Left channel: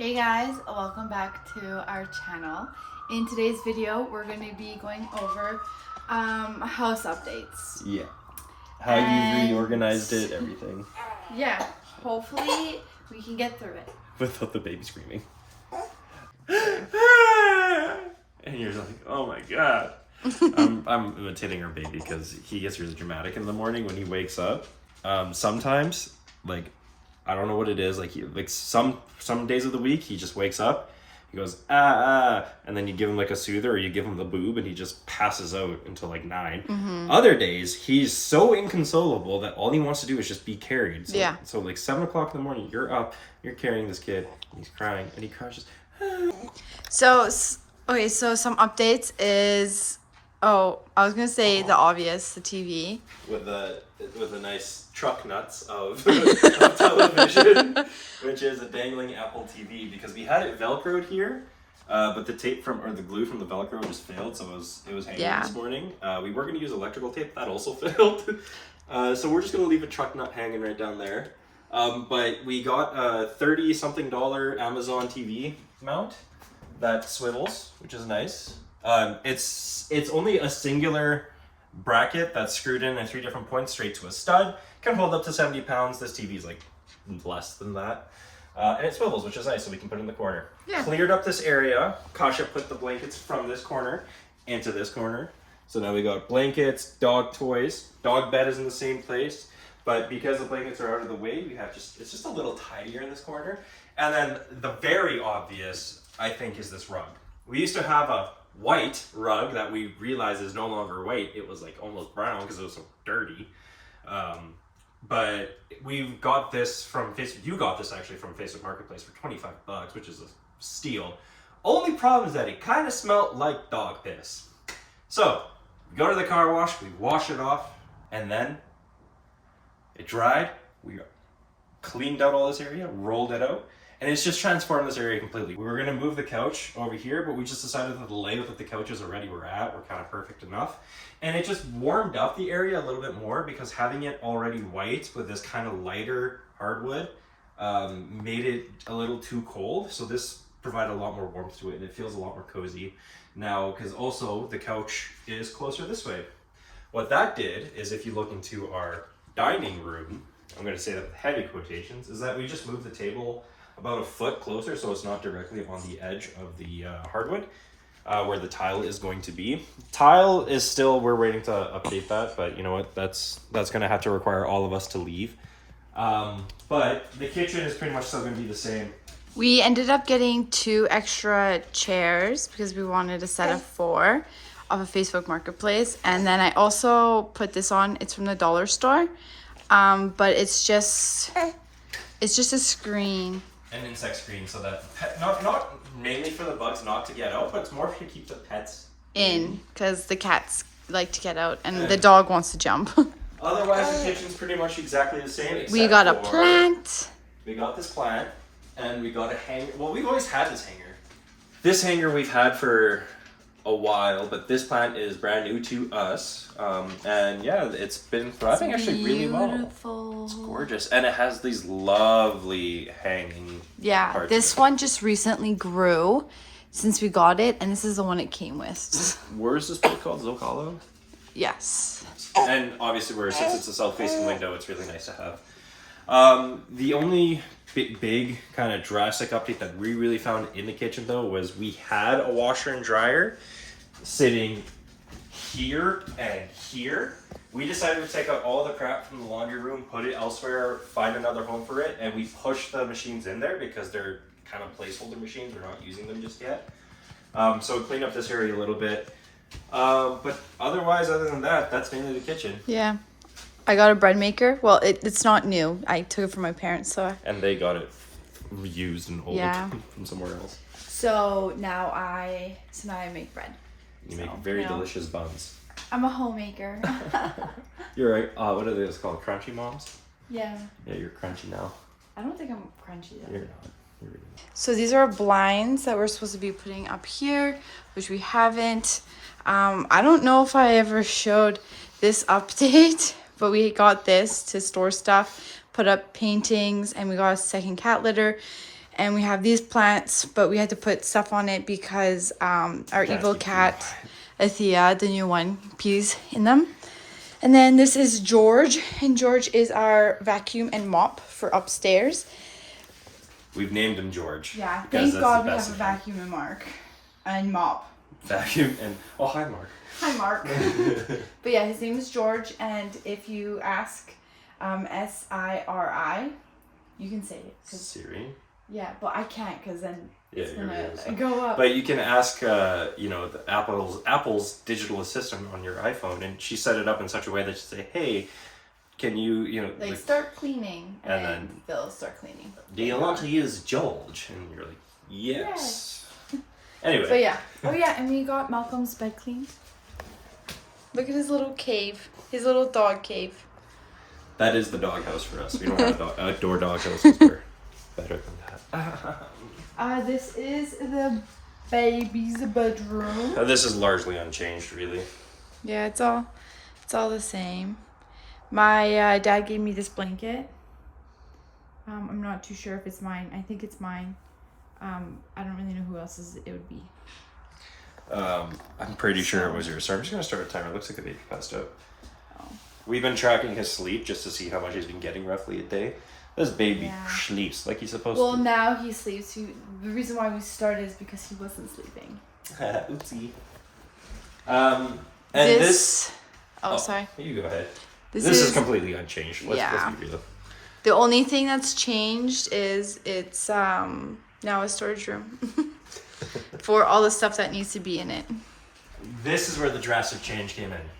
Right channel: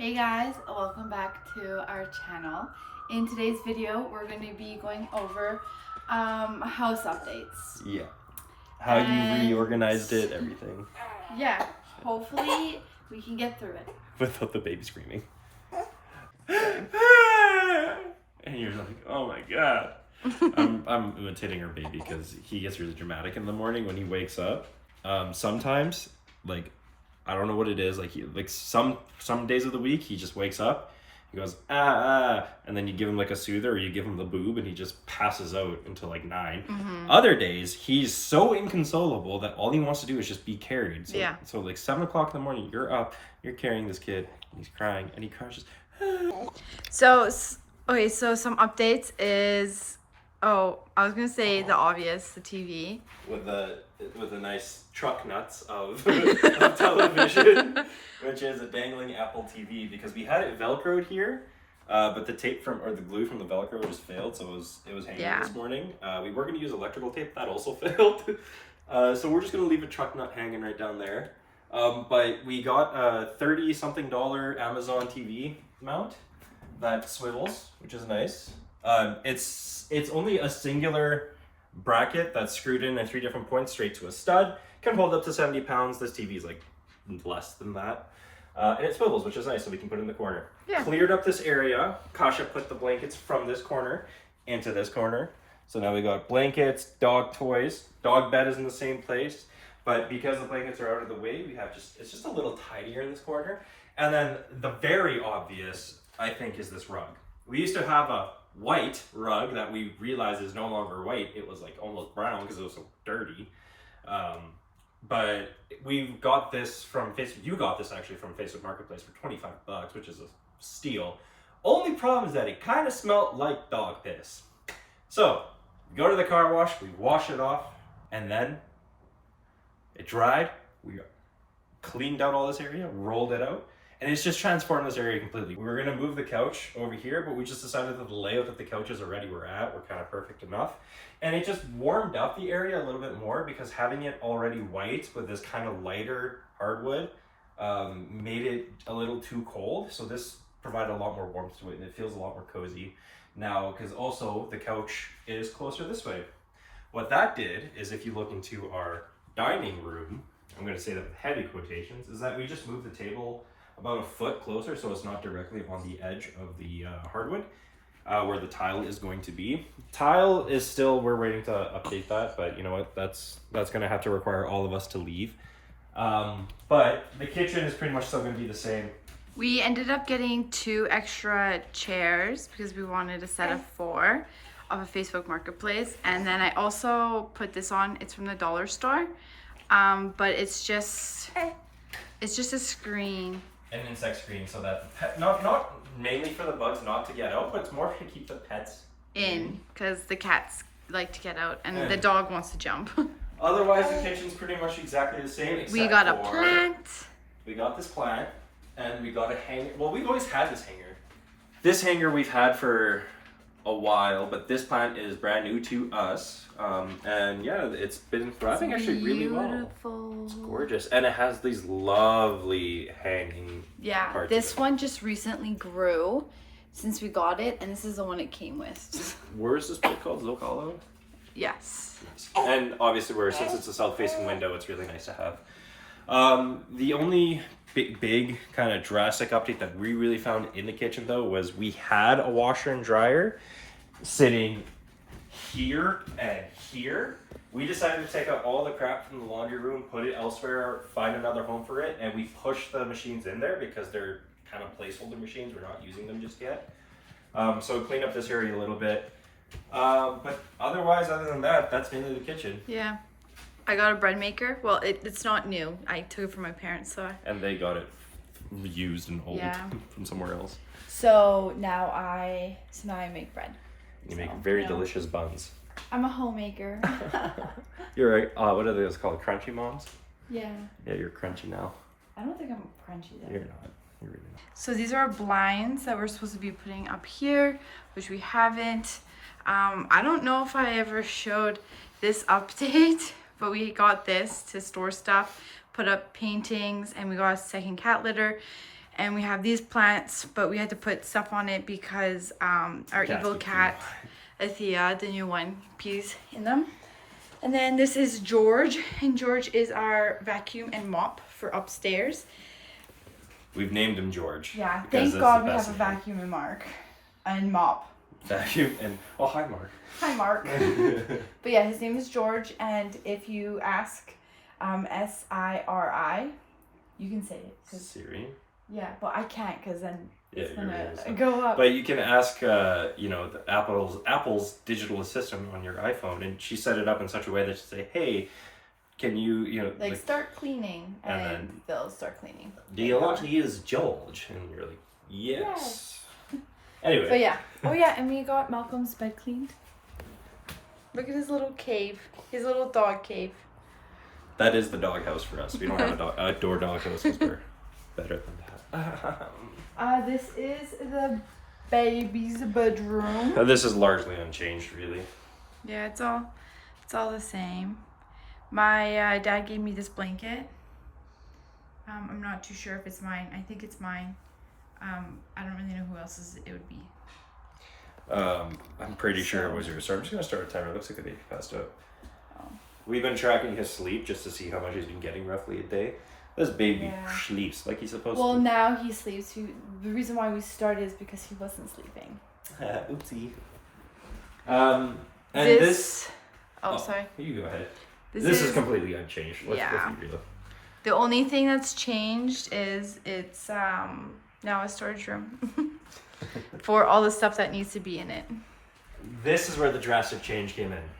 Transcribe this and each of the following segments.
Hey guys, welcome back to our channel. In today's video, we're going to be going over house updates. Yeah. How you reorganized it, everything. Yeah, hopefully we can get through it. Without the baby screaming. And you're like, oh my god. I'm imitating our baby because he gets really dramatic in the morning when he wakes up. Sometimes, like, I don't know what it is. Like some days of the week, he just wakes up, he goes and then you give him like a soother or you give him the boob and he just passes out until like 9. Mm-hmm. Other days, he's so inconsolable that all he wants to do is just be carried. So, yeah. So like 7 o'clock in the morning, you're up, you're carrying this kid, and he's crying, and he cries just. So some updates is, I was gonna say the obvious, the TV. With a nice truck nuts of television, which is a dangling Apple TV, because we had it Velcroed here, but the tape or the glue from the Velcro just failed, so it was hanging this morning. We were going to use electrical tape, that also failed. So we're just going to leave a truck nut hanging right down there. But we got a $30-something Amazon TV mount that swivels, which is nice. It's only a singular bracket that's screwed in at 3 different points straight to a stud. Can hold up to 70 pounds. This TV is like less than that. And it swivels, which is nice, so we can put it in the corner. Yeah. Cleared up this area. Kasia put the blankets from this corner into this corner. So now we got blankets, dog toys. Dog bed is in the same place. But because the blankets are out of the way, it's just a little tidier in this corner. And then the very obvious, I think, is this rug. We used to have a white rug that we realized is no longer white. It was like almost brown because it was so dirty. But we got this from Facebook. You got this actually from Facebook Marketplace for $25, which is a steal. Only problem is that it kind of smelled like dog piss. So we go to the car wash, we wash it off, and then it dried. We cleaned out all this area, rolled it out, and it's just transformed this area completely. We were going to move the couch over here, but we just decided that the layout that the couches already were at were kind of perfect enough. And it just warmed up the area a little bit more, because having it already white with this kind of lighter hardwood made it a little too cold. So this provided a lot more warmth to it, and it feels a lot more cozy now, because also the couch is closer this way. What that did is, if you look into our dining room, I'm going to say that with heavy quotations, is that we just moved the table about a foot closer, so it's not directly on the edge of the hardwood where the tile is going to be. Tile is still, we're waiting to update that, but you know what, that's going to have to require all of us to leave. But the kitchen is pretty much still going to be the same. We ended up getting 2 extra chairs because we wanted a set of 4 off of Facebook Marketplace. And then I also put this on. It's from the dollar store, but it's just a screen. An insect screen, so that not mainly for the bugs not to get out, but it's more to keep the pets in, because the cats like to get out and the dog wants to jump. Otherwise, the kitchen's pretty much exactly the same. Except we got a plant. We got this plant, and we got a hanger. Well, we've always had this hanger. This hanger we've had for a while, but this plant is brand new to us. And yeah, it's been thriving actually really well. It's gorgeous, and it has these lovely hanging. Yeah, this one just recently grew since we got it, and this is the one it came with. Where's this book called? Zocalo? Yes. And obviously, since it's a south-facing window, it's really nice to have. The only big kind of drastic update that we really found in the kitchen, though, was we had a washer and dryer sitting here and here. We decided to take out all the crap from the laundry room, put it elsewhere, find another home for it, and we pushed the machines in there because they're kind of placeholder machines. We're not using them just yet. So we cleaned up this area a little bit. But otherwise, other than that, that's mainly the kitchen. Yeah. I got a bread maker. Well, it's not new. I took it from my parents, so. And they got it used and old from somewhere else. So now I make bread. You make very delicious buns. I'm a homemaker. You're right. What are those called? Crunchy moms? Yeah. Yeah, you're crunchy now. I don't think I'm crunchy though. You're not. You're really not. So these are blinds that we're supposed to be putting up here, which we haven't. I don't know if I ever showed this update, but we got this to store stuff, put up paintings, and we got a second cat litter. And we have these plants, but we had to put stuff on it because our evil cat, Athea, the new one, pees in them. And then this is George, and George is our vacuum and mop for upstairs. We've named him George. Yeah, thank God we have a vacuum and mop. Vacuum and, oh, hi, Mark. Hi, Mark. But yeah, his name is George, and if you ask Siri, you can say it. Siri? Yeah, but I can't because then it's you're gonna really go up. But you can ask, the Apple's digital assistant on your iPhone, and she set it up in such a way that you say, "Hey, can you, like start cleaning," and then they'll start cleaning. Do you want to use George? And you're like, yes. Anyway. But yeah. Oh yeah, and we got Malcolm's bed cleaned. Look at his little cave, his little dog cave. That is the doghouse for us. We don't have a outdoor doghouse because we're better than that. This is the baby's bedroom. And this is largely unchanged, really. Yeah, it's all the same. My dad gave me this blanket. I'm not too sure if it's mine. I think it's mine. I don't really know who else's it would be. I'm pretty sure it was yours. So I'm just gonna start a timer. It looks like the baby passed out. Oh. We've been tracking his sleep just to see how much he's been getting roughly a day. This baby sleeps like he's supposed to. Well, now he sleeps. The reason why we started is because he wasn't sleeping. Oopsie. And this. Oh, sorry. You go ahead. This is completely unchanged. Let's be real. The only thing that's changed is it's now a storage room for all the stuff that needs to be in it. This is where the drastic change came in.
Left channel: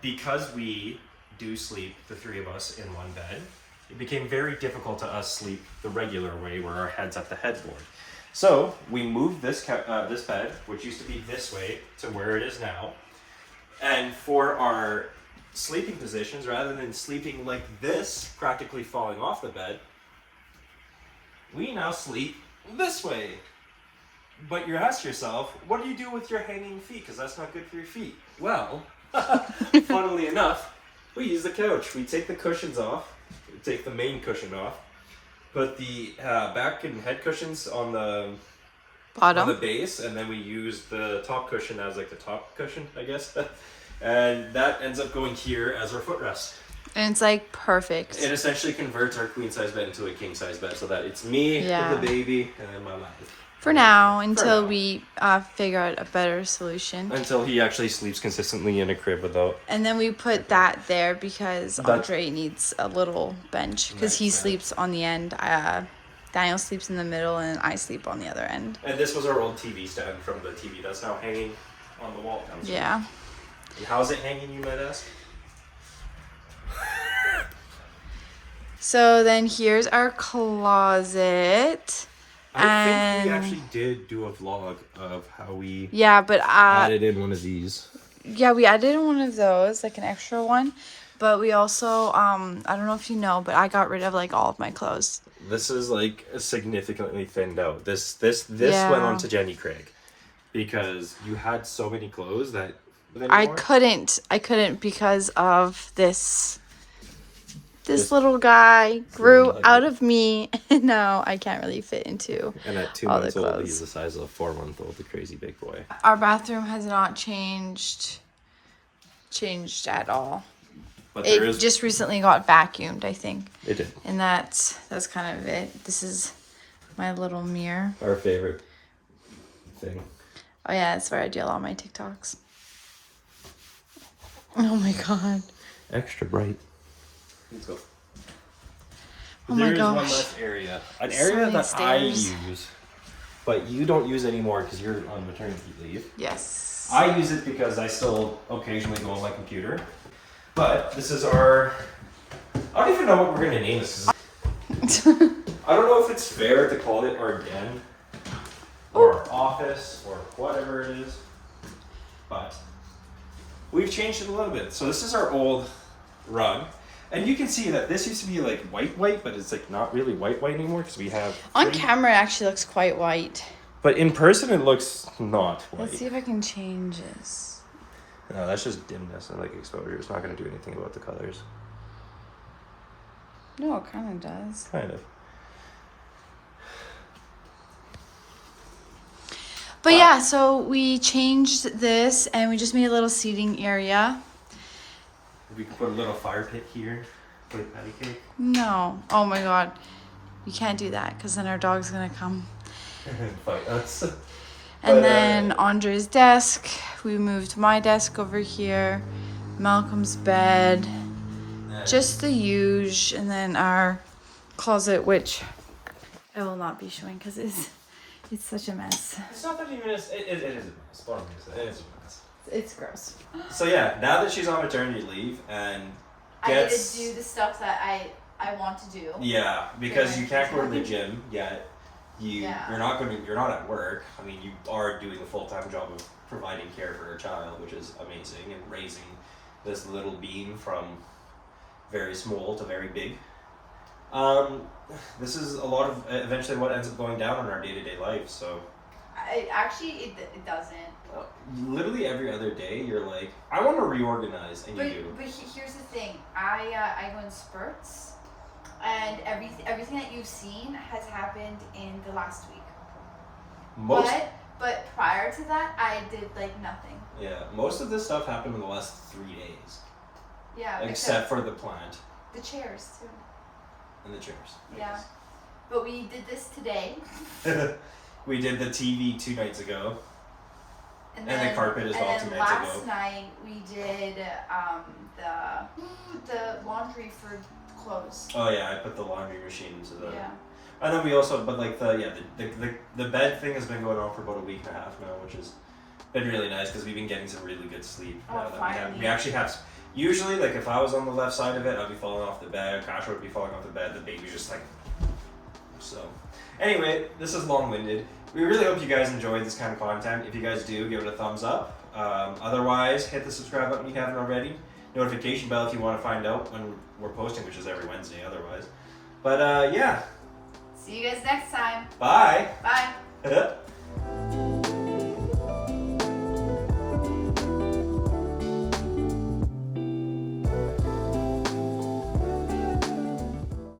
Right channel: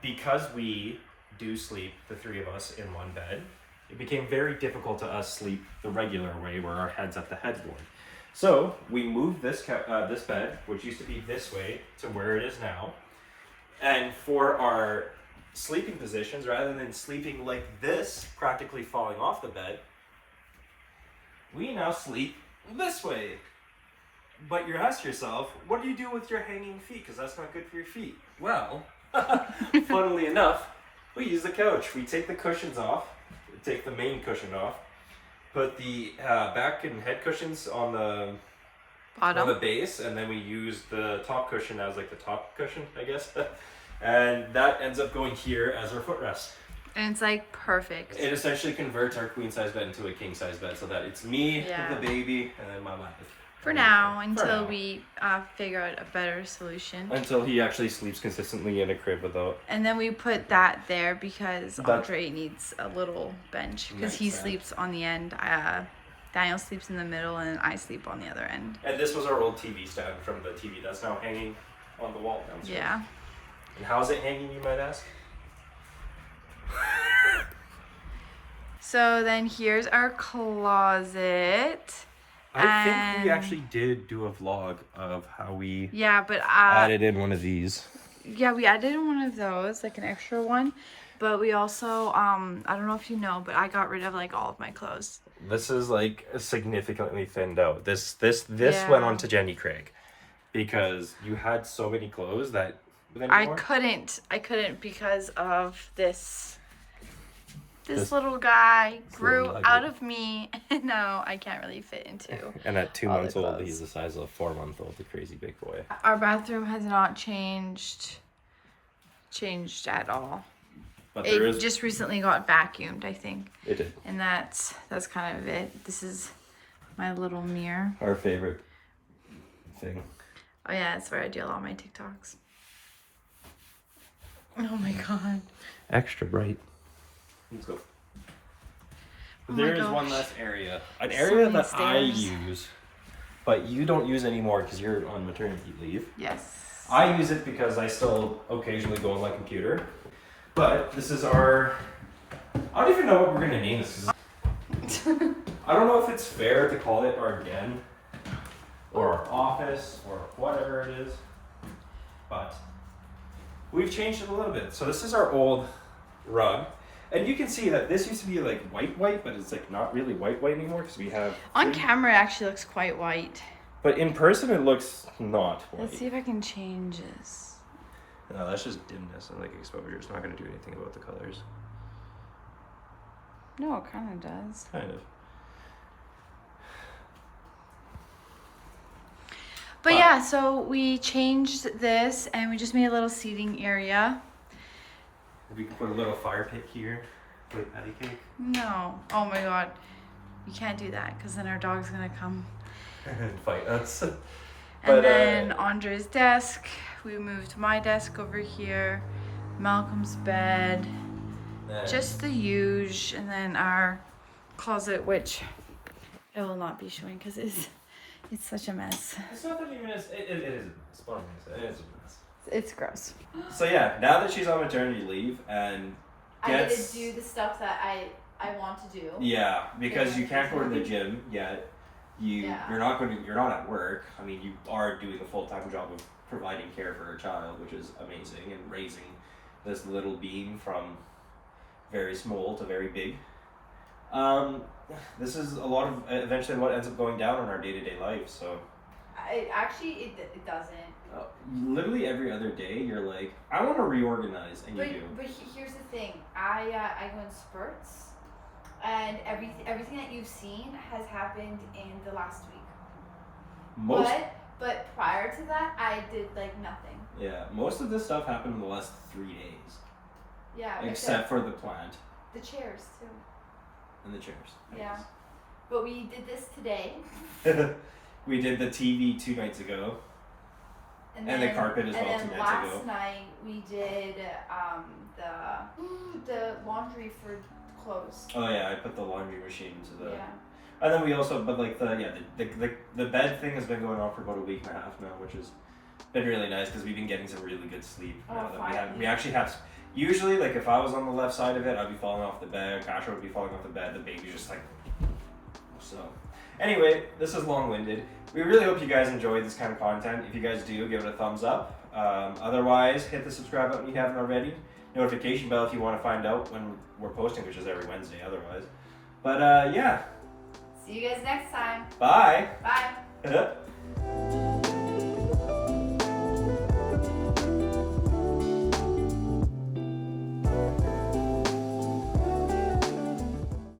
Because we do sleep, the three of us, in one bed, it became very difficult to us sleep the regular way where our head's at the headboard. So we moved this bed, which used to be this way, to where it is now. And for our sleeping positions, rather than sleeping like this, practically falling off the bed, we now sleep this way. But you ask yourself, what do you do with your hanging feet? Because that's not good for your feet. Well, funnily enough, we use the couch. We take the cushions off, take the main cushion off, put the back and head cushions on the bottom, on the base, and then we use the top cushion as like the top cushion, I guess. And that ends up going here as our footrest. And it's like perfect. It essentially converts our queen size bed into a king size bed so that it's me, the baby, and then my wife. For now, until we figure out a better solution. Until he actually sleeps consistently in a crib without. And then we put that there because Andrey needs a little bench because he sleeps on the end. Daniel sleeps in the middle and I sleep on the other end. And this was our old TV stand from the TV that's now hanging on the wall downstairs. Yeah. And how's it hanging, you might ask? So then here's our closet. I think we actually did do a vlog of how we added in one of these. Yeah, we added in one of those, like an extra one. But we also, I don't know if you know, but I got rid of like all of my clothes. This is like significantly thinned out. This went on to Jenny Craig because you had so many clothes that I couldn't because of this little guy grew out of me, and now I can't really fit into. And at 2 months old, he's the size of a 4-month-old, the crazy big boy. Our bathroom has not changed at all. But it just recently got vacuumed, I think. It did. And that's kind of it. This is my little mirror. Our favorite thing. Oh yeah, that's where I do all my TikToks. Oh my god. Extra bright. Let's go. Oh my There's gosh. one last area. An area that stairs. I use, but you don't use anymore because you're on maternity leave. Yes. I use it because I still occasionally go on my computer. But this is our... I don't even know what we're going to name this. I don't know if it's fair to call it our den or our office or whatever it is. But we've changed it a little bit. So this is our old rug. And you can see that this used to be like white, but it's like not really white anymore because we have... On camera it actually looks quite white. But in person it looks not white. Let's see if I can change this. No, that's just dimness and like exposure. It's not going to do anything about the colors. No, it kind of does. Kind of. But yeah, so we changed this and we just made a little seating area. We could put a little fire pit here. Put a patty cake. No. Oh my god. You can't do that because then our dog's going to come. Fight us. And then Andre's desk. We moved my desk over here. Malcolm's bed. Just the huge. And then our closet, which I will not be showing because it's such a mess. It's not that even it is a mess. Bottom line, it is a mess. It's gross. So yeah, now that she's on maternity leave and gets... I need to do the stuff that I want to do. Yeah, because you can't go to the gym yet. You're not at work. I mean, you are doing a full-time job of providing care for a child, which is amazing, and raising this little being from very small to very big. This is a lot of eventually what ends up going down in our day-to-day life. So It doesn't. Literally every other day, you're like, I want to reorganize, and you do. But here's the thing. I go in spurts. And everything that you've seen has happened in the last week. But prior to that, I did like nothing. Yeah, most of this stuff happened in the last 3 days. Yeah. Except for the plant. The chairs too. And the chairs. Yeah. But we did this today. We did the TV 2 nights ago. And the carpet as well 2 nights ago. Last night we did the laundry for clothes. Oh yeah, I put the laundry machine into the. Yeah. And then we also, but like the bed thing has been going on for about a week and a half now, which has been really nice because we've been getting some really good sleep. Oh, finally. We actually have. Usually, like if I was on the left side of it, I'd be falling off the bed. Kasha would be falling off the bed. The baby's just like. So, anyway, this is long-winded. We really hope you guys enjoyed this kind of content. If you guys do, give it a thumbs up. Otherwise, hit the subscribe button if you haven't already. Notification bell if you want to find out when we're posting, which is every Wednesday otherwise. But yeah. See you guys next time. Bye. Bye.